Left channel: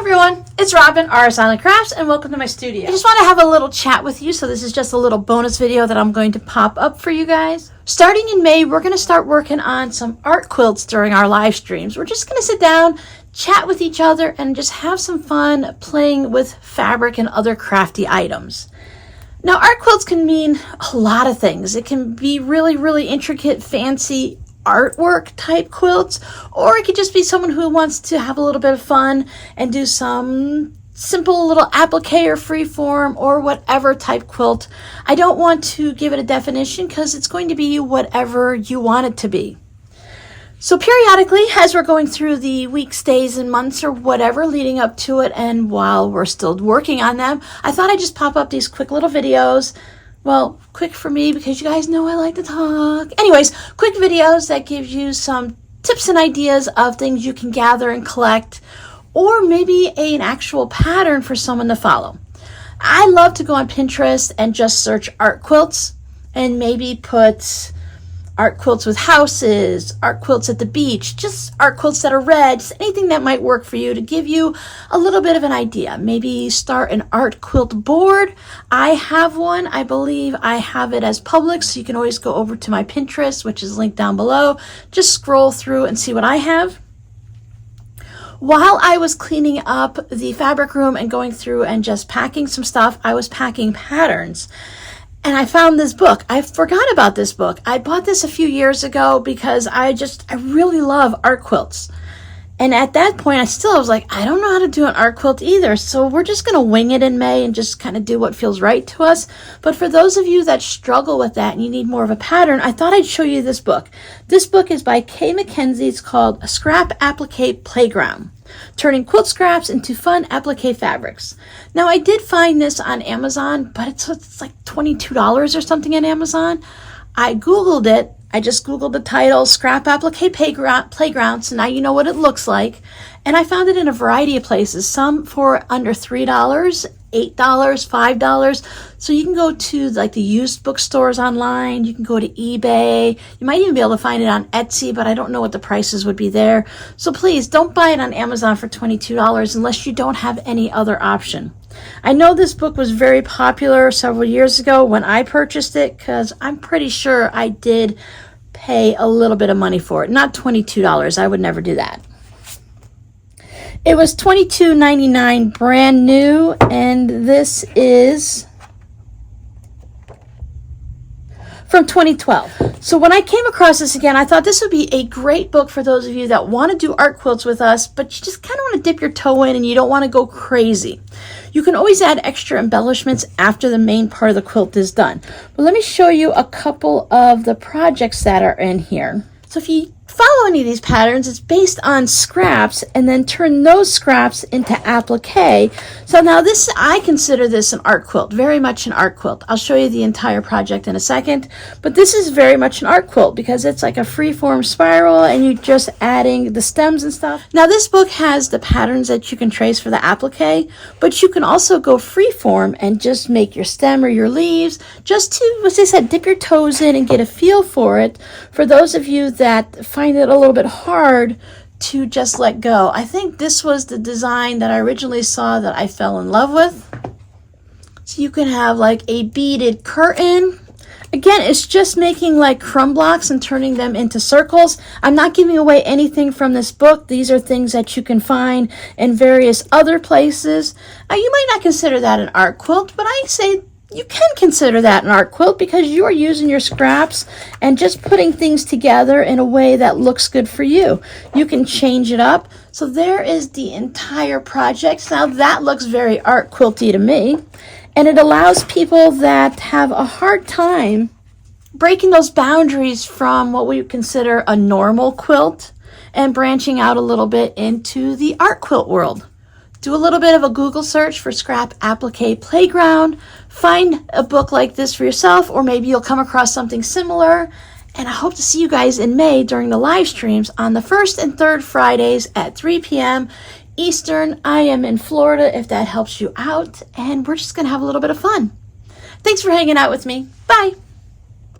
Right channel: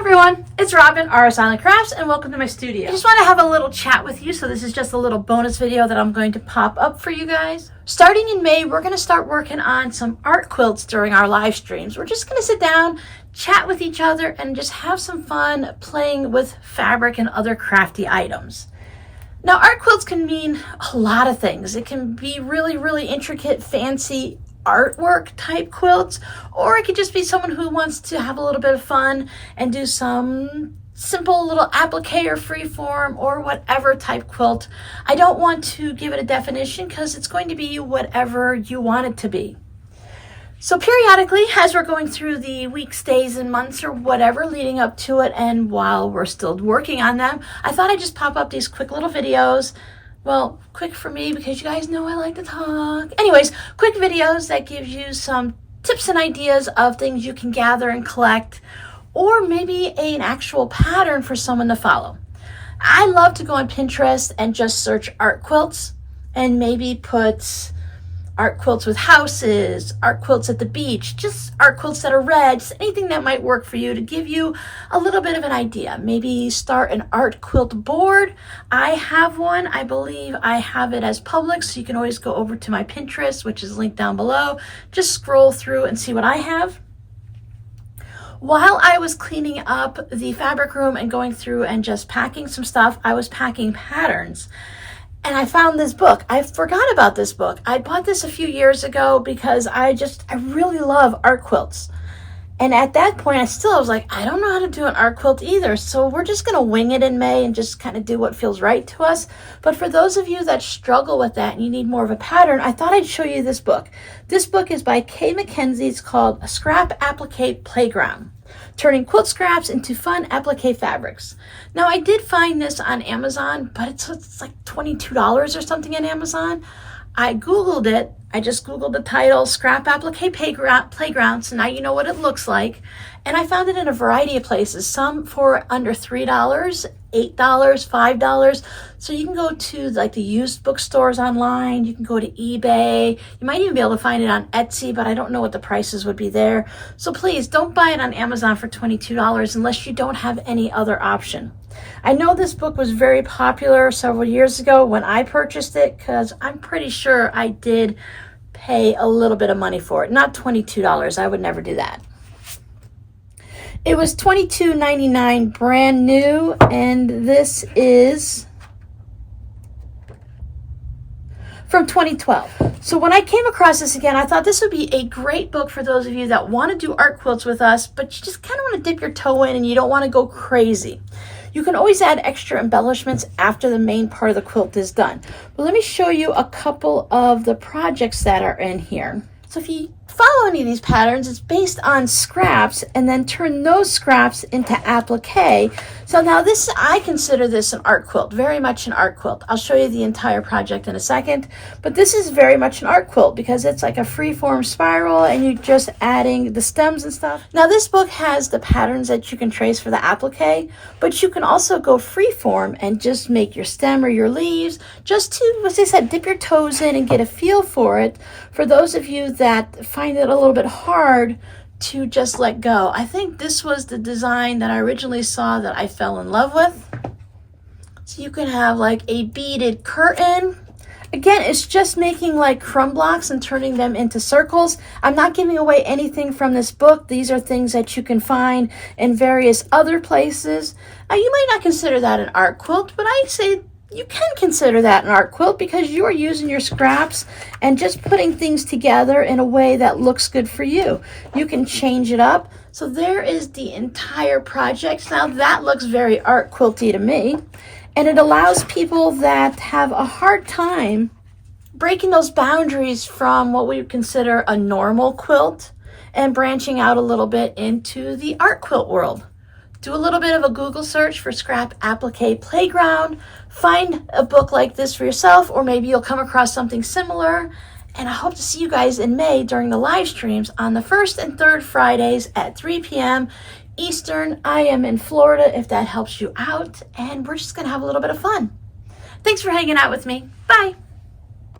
everyone, it's Robin, RS Island Crafts, and welcome to my studio. I just want to have a little chat with you, so this is just a little bonus video that I'm going to pop up for you guys. Starting in May, we're going to start working on some art quilts during our live streams. We're just going to sit down, chat with each other, and just have some fun playing with fabric and other crafty items. Now, art quilts can mean a lot of things. It can be really intricate, fancy artwork type quilts, or it could just be someone who wants to have a little bit of fun and do some simple little applique or freeform or whatever type quilt. I don't want to give it a definition because it's going to be whatever you want it to be. So periodically, as we're going through the weeks, days, and months or whatever leading up to it, and while we're still working on them, I thought I'd just pop up these quick little videos. Well, quick for me because you guys know I like to talk. Anyways, quick videos that gives you some tips and ideas of things you can gather and collect, or maybe an actual pattern for someone to follow. I love to go on Pinterest and just search art quilts and maybe put art quilts with houses, art quilts at the beach, just art quilts that are red, just anything that might work for you to give you a little bit of an idea. Maybe start an art quilt board. I have one. I believe I have it as public, so you can always go over to my Pinterest, which is linked down below. Just scroll through and see what I have. While I was cleaning up the fabric room and going through and just packing some stuff, I was packing patterns. And I found this book. I forgot about this book. I bought this a few years ago because I really love art quilts. And at that point, I was like, I don't know how to do an art quilt either. So we're just going to wing it in May and just kind of do what feels right to us. But for those of you that struggle with that and you need more of a pattern, I thought I'd show you this book. This book is by Kay McKenzie. It's called Scrap Appliqué Playground: Turning Quilt Scraps into Fun Appliqué Fabrics. Now, I did find this on Amazon, but it's like $22 or something on Amazon. I Googled it. I just Googled the title, Scrap Appliqué Playground, so now you know what it looks like. And I found it in a variety of places, some for under $3, $8, $5. So you can go to like the used bookstores online, you can go to eBay, you might even be able to find it on Etsy, but I don't know what the prices would be there. So please don't buy it on Amazon for $22 unless you don't have any other option. I know this book was very popular several years ago when I purchased it, because I'm pretty sure I did pay a little bit of money for it. Not $22, I would never do that. It was $22.99 brand new, and this is from 2012. So when I came across this again, I thought this would be a great book for those of you that want to do art quilts with us, but you just kind of want to dip your toe in and you don't want to go crazy. You can always add extra embellishments after the main part of the quilt is done. But let me show you a couple of the projects that are in here. So if you follow any of these patterns, it's based on scraps and then turn those scraps into applique. So now this, I consider this an art quilt, very much an art quilt. I'll show you the entire project in a second, but this is very much an art quilt because it's like a free-form spiral and you're just adding the stems and stuff. Now this book has the patterns that you can trace for the applique, but you can also go free-form and just make your stem or your leaves, just to, as I said, dip your toes in and get a feel for it. For those of you that find it a little bit hard to just let go, I think this was the design that I originally saw that I fell in love with. So you can have like a beaded curtain. Again, it's just making like crumb blocks and turning them into circles. I'm not giving away anything from this book. These are things that you can find in various other places. You might not consider that an art quilt, but I'd say you can consider that an art quilt because you are using your scraps and just putting things together in a way that looks good for you. You can change it up. So there is the entire project. Now that looks very art quilty to me. And it allows people that have a hard time breaking those boundaries from what we would consider a normal quilt and branching out a little bit into the art quilt world. Do a little bit of a Google search for Scrap Appliqué Playground. Find a book like this for yourself, or maybe you'll come across something similar. And I hope to see you guys in May during the live streams on the 1st and 3rd Fridays at 3 p.m. Eastern. I am in Florida if that helps you out, and we're just going to have a little bit of fun. Thanks for hanging out with me. Bye.